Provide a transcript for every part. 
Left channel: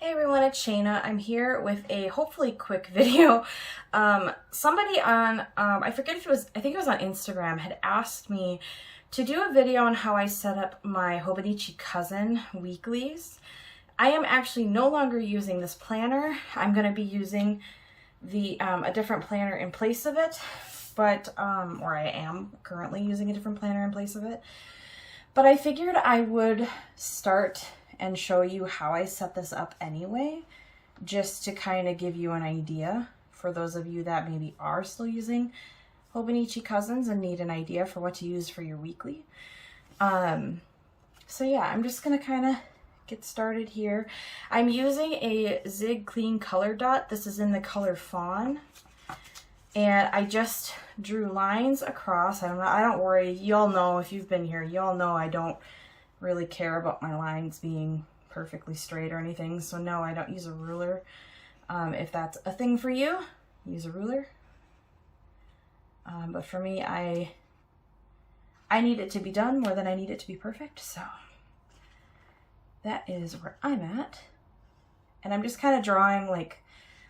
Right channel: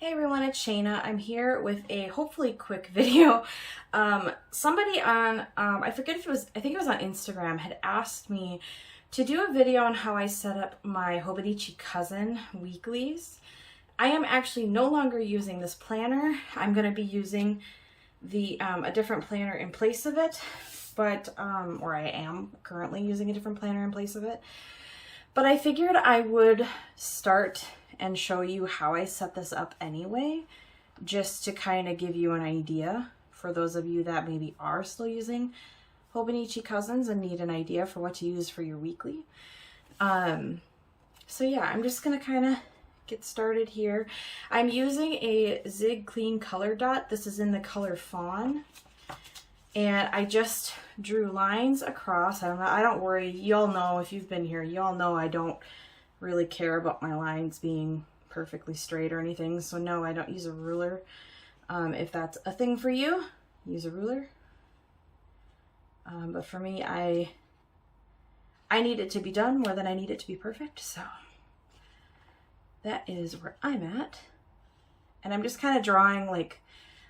Hey everyone, it's Shayna. I'm here with a hopefully quick video. Somebody on, I forget if it was, I think it was on Instagram, had asked me to do a video on how I set up my Hobonichi cousin weeklies. I am actually no longer using this planner. I'm going to be using a different planner in place of it, but, or I am currently using a different planner in place of it. But I figured I would start and show you how I set this up anyway, just to kind of give you an idea for those of you that maybe are still using Hobonichi Cousins and need an idea for what to use for your weekly. So yeah, I'm just gonna kind of get started here. I'm using a Zig Clean Color Dot. This is in the color Fawn. And I just drew lines across. I don't worry, y'all know, if you've been here, y'all know I don't really care about my lines being perfectly straight or anything. So no, I don't use a ruler. If that's a thing for you, use a ruler. But for me, I need it to be done more than I need it to be perfect. So that is where I'm at. And I'm just kind of drawing like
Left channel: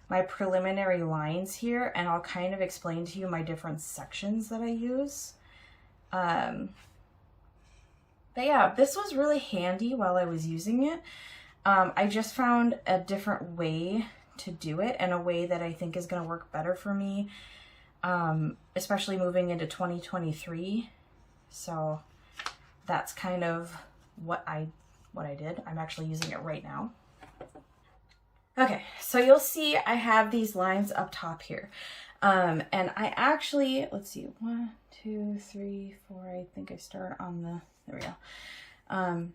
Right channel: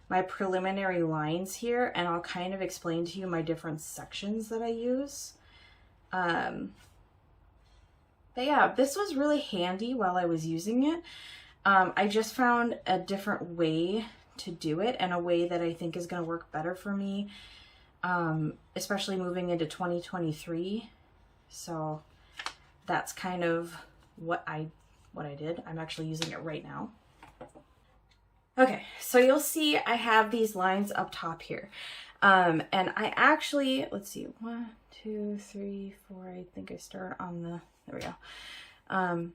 my preliminary lines here, and I'll kind of explain to you my different sections that I use. But yeah, this was really handy while I was using it. I just found a different way to do it, and a way that I think is going to work better for me, especially moving into 2023. So that's kind of what I did. I'm actually using it right now. Okay, so you'll see I have these lines up top here. And I actually, let's see, 1, 2, 3, 4, I think I start on the, there we go.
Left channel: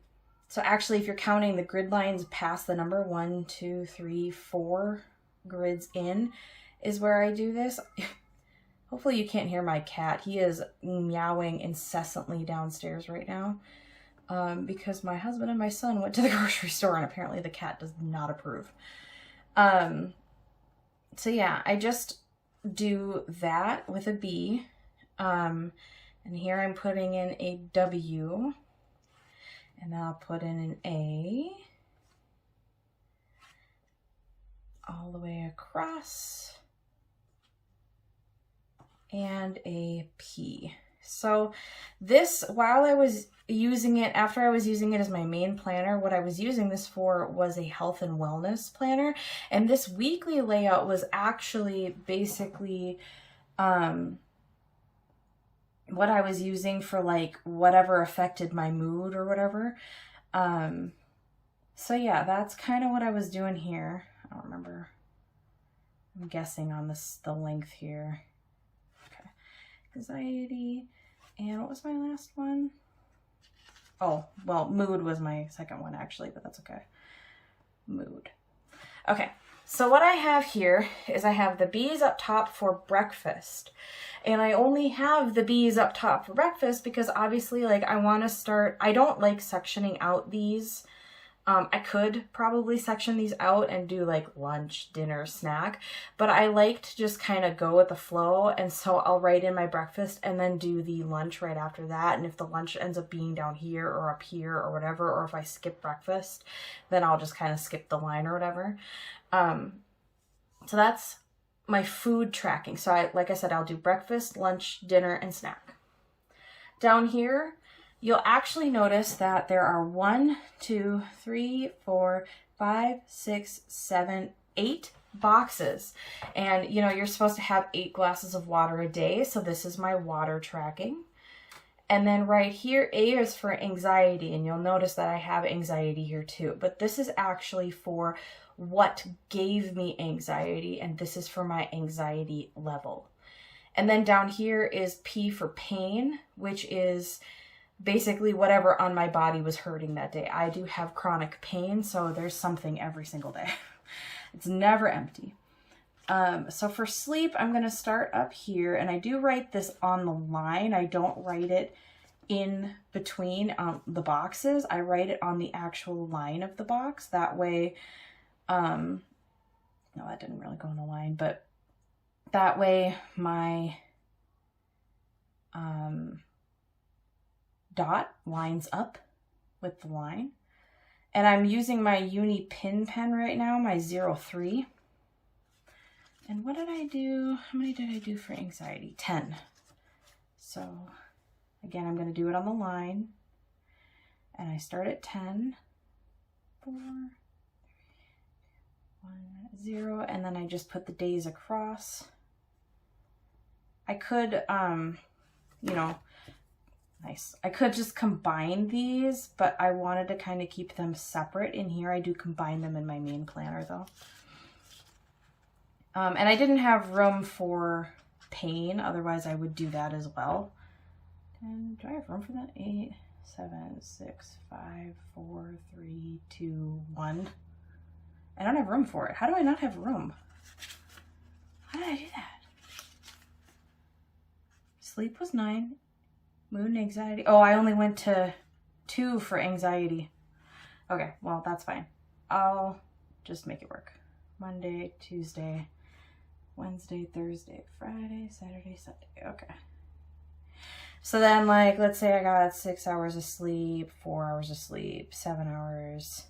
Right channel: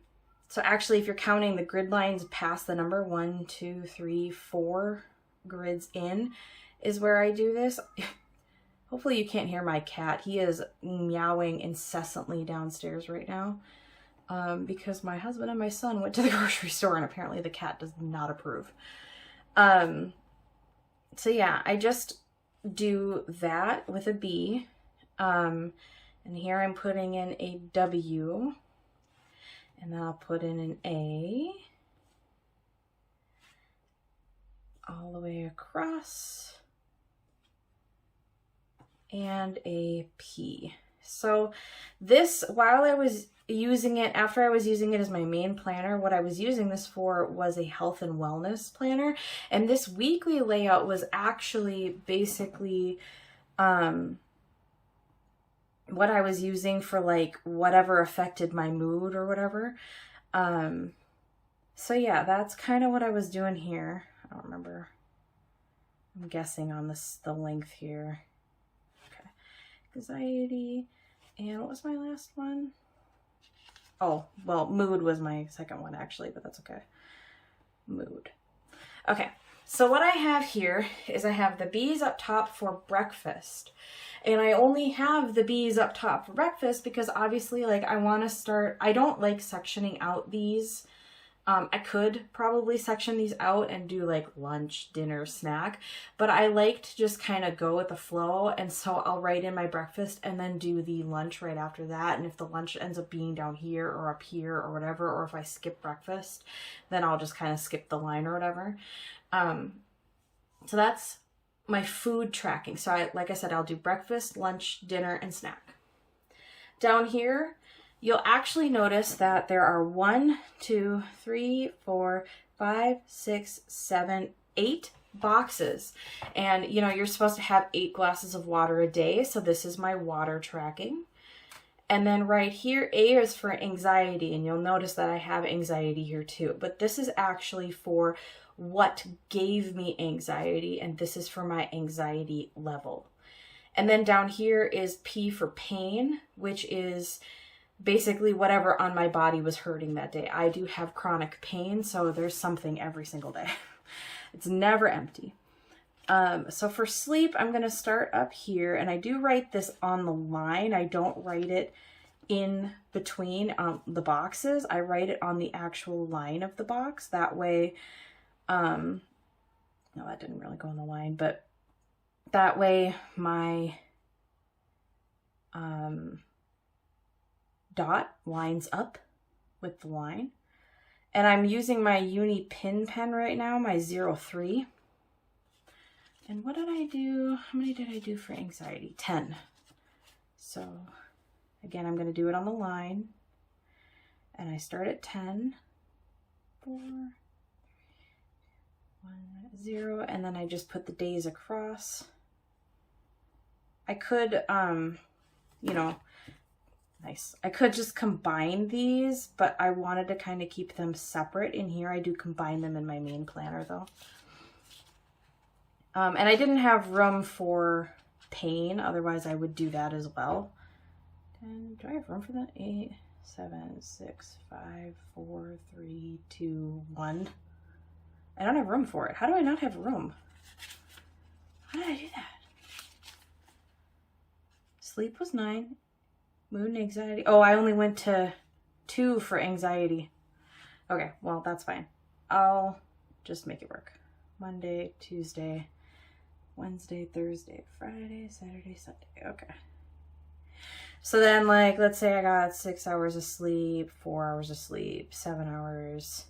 So actually, if you're counting the grid lines past the number 1, 2, 3, 4 grids in is where I do this. Hopefully you can't hear my cat. He is meowing incessantly downstairs right now because my husband and my son went to the grocery store, and apparently the cat does not approve. So yeah, I just do that with a B. And here I'm putting in a W, and then I'll put in an A all the way across, and a P. So this, while I was using it, after I was using it as my main planner, what I was using this for was a health and wellness planner. And this weekly layout was actually basically what I was using for like whatever affected my mood or whatever. So yeah, that's kind of what I was doing here. I don't remember. I'm guessing on the length here. Okay. Anxiety. And what was my last one? Oh, well, mood was my second one actually, but that's okay. Mood. Okay. So what I have here is I have the B's up top for breakfast. And I only have the B's up top for breakfast because obviously, like, I want to start, I don't like sectioning out these. I could probably section these out and do like lunch, dinner, snack, but I like to just kind of go with the flow. And so I'll write in my breakfast and then do the lunch right after that. And if the lunch ends up being down here or up here or whatever, or if I skip breakfast, then I'll just kind of skip the line or whatever. So that's my food tracking. So like I said, I'll do breakfast, lunch, dinner, and snack. Down here, you'll actually notice that there are 1, 2, 3, 4, 5, 6, 7, 8 boxes. And you know, you're supposed to have 8 glasses of water a day. So this is my water tracking. And then right here, A is for anxiety. And you'll notice that I have anxiety here too. But this is actually for what gave me anxiety. And this is for my anxiety level. And then down here is P for pain, which is basically whatever on my body was hurting that day. I do have chronic pain, so there's something every single day. It's never empty. So for sleep, I'm going to start up here, and I do write this on the line. I don't write it in between the boxes. I write it on the actual line of the box. That way, no, that didn't really go on the line, but that way my dot lines up with the line. And I'm using my Uni Pin pen right now, my 03. And what did I do? How many did I do for anxiety? 10. So again, I'm going to do it on the line. And I start at 10, 4, 1, 0, and then I just put the days across. I could, you know, nice. I could just combine these, but I wanted to kind of keep them separate in here. I do combine them in my main planner though. And I didn't have room for pain, otherwise I would do that as well. 10, do I have room for that? 8, 7, 6, 5, 4, 3, 2, 1. I don't have room for it. How do I not have room? How did I do that? Sleep was 9. Mood and anxiety. Oh, I only went to 2 for anxiety. Okay, well, that's fine. I'll just make it work. Monday, Tuesday, Wednesday, Thursday, Friday, Saturday, Sunday. Okay. So then, like, let's say I got 6 hours of sleep, 4 hours of sleep, 7 hours,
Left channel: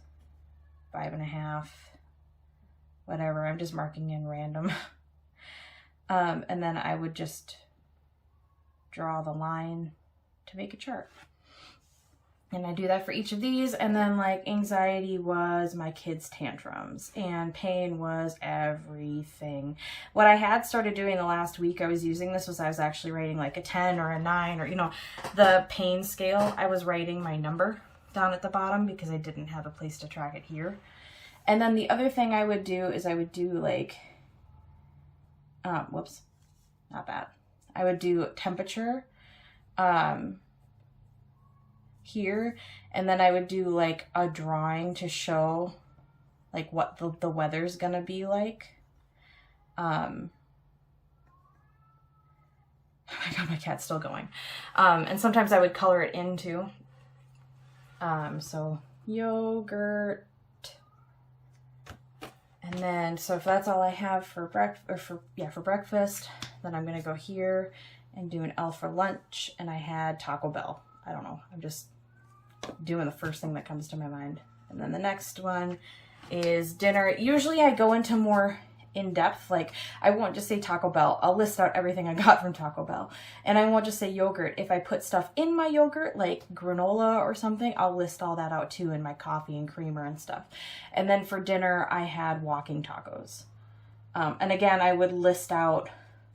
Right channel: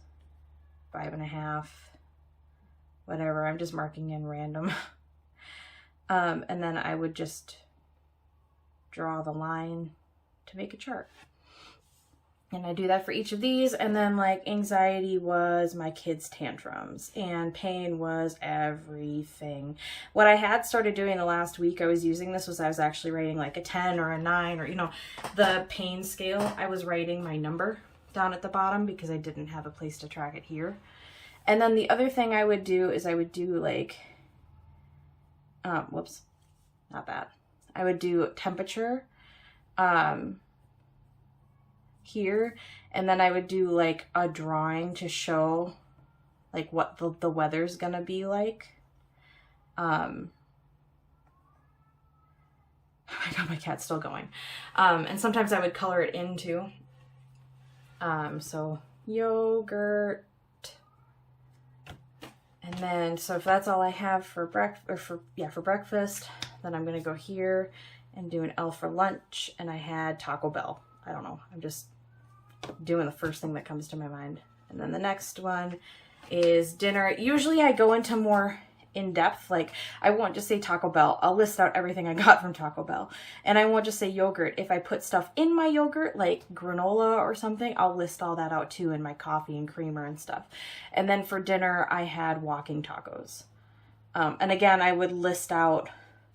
5.5, whatever. I'm just marking in random. And then I would just draw the line to make a chart. And I do that for each of these. And then like anxiety was my kids' tantrums and pain was everything. What I had started doing the last week I was using this was I was actually writing like a 10 or a 9 or, you know, the pain scale. I was writing my number down at the bottom because I didn't have a place to track it here. And then the other thing I would do is I would do like, whoops, not that. I would do temperature, here, and then I would do like a drawing to show like what the weather's gonna be like. Oh my god, my cat's still going. And sometimes I would color it in too. So yogurt, and then so if that's all I have for breakfast, then I'm gonna go here and do an L for lunch, and I had Taco Bell. I don't know, I'm just doing the first thing that comes to my mind. And then the next one is dinner. Usually I go into more in-depth, like I won't just say Taco Bell. I'll list out everything I got from Taco Bell. And I won't just say yogurt. If I put stuff in my yogurt, like granola or something, I'll list all that out too in my coffee and creamer and stuff. And then for dinner, I had walking tacos. And again, I would list out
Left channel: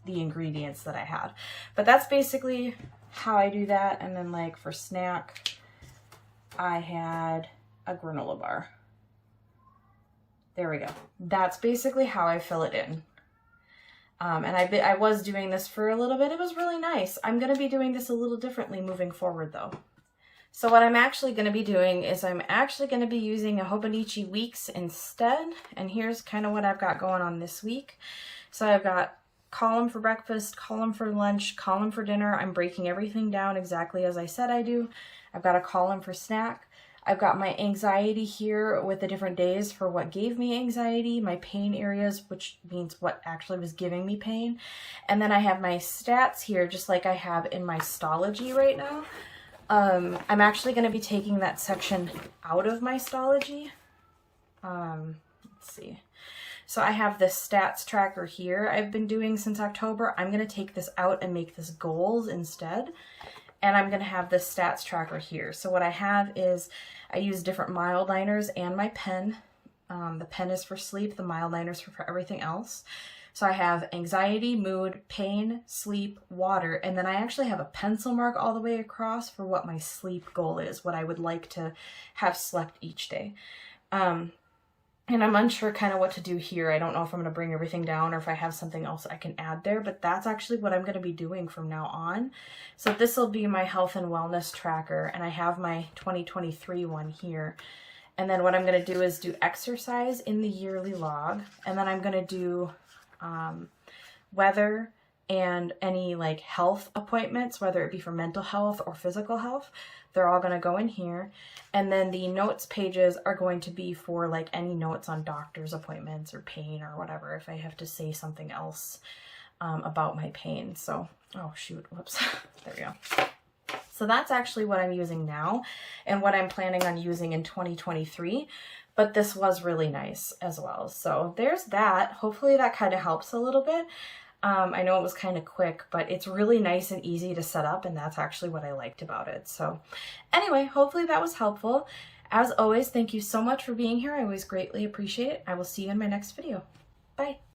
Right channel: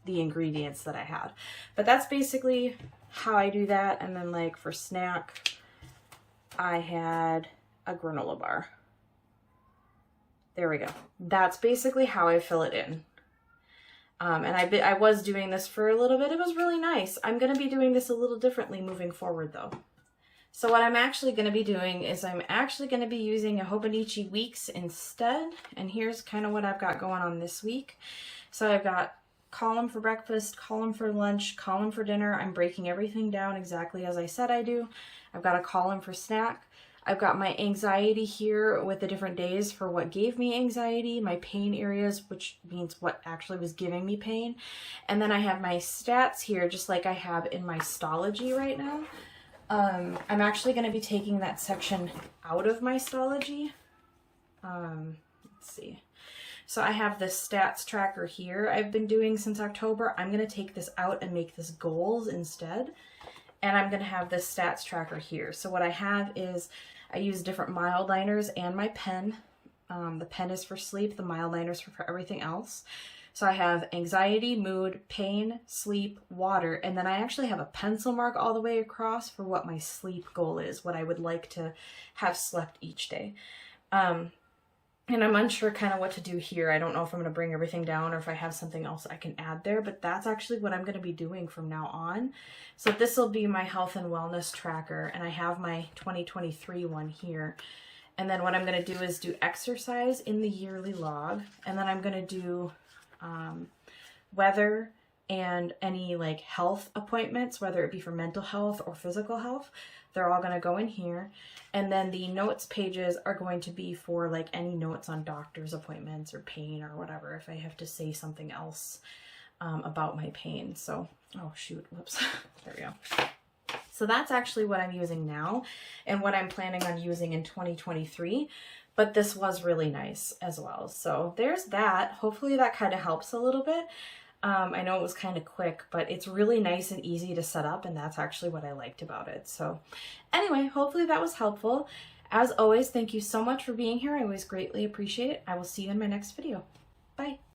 the ingredients that I had. But that's basically how I do that. And then like for snack, I had a granola bar. There we go. That's basically how I fill it in. And I was doing this for a little bit. It was really nice. I'm going to be doing this a little differently moving forward though. So what I'm actually going to be doing is I'm actually going to be using a Hobonichi Weeks instead. And here's kind of what I've got going on this week. So I've got column for breakfast, column for lunch, column for dinner. I'm breaking everything down exactly as I said I do. I've got a column for snack. I've got my anxiety here with the different days for what gave me anxiety, my pain areas, which means what actually was giving me pain. And then I have my stats here, just like I have in my Stology right now. I'm actually going to be taking that section out of my Stology. Let's see. So I have this stats tracker here I've been doing since October. I'm going to take this out and make this goals instead. And I'm going to have this stats tracker here. So what I have is I use different mile liners and my pen. The pen is for sleep. The mile liners for everything else. So I have anxiety, mood, pain, sleep, water. And then I actually have a pencil mark all the way across for what my sleep goal is, what I would like to have slept each day. And I'm unsure kind of what to do here. I don't know if I'm going to bring everything down or if I have something else I can add there, but that's actually what I'm going to be doing from now on. So this will be my health and wellness tracker, and I have my 2023 one here. And then what I'm going to do is do exercise in the yearly log, and then I'm going to do weather and any like health appointments, whether it be for mental health or physical health. They're all going to go in here. And then the notes pages are going to be for like any notes on doctor's appointments or pain or whatever, if I have to say something else about my pain. So, oh shoot, whoops, there we go. So that's actually what I'm using now and what I'm planning on using in 2023. But this was really nice as well. So there's that. Hopefully that kind of helps a little bit. I know it was kind of quick, but it's really nice and easy to set up, and that's actually what I liked about it. So anyway, hopefully that was helpful. As always, thank you so much for being here. I always greatly appreciate it. I will see you in my next video. Bye.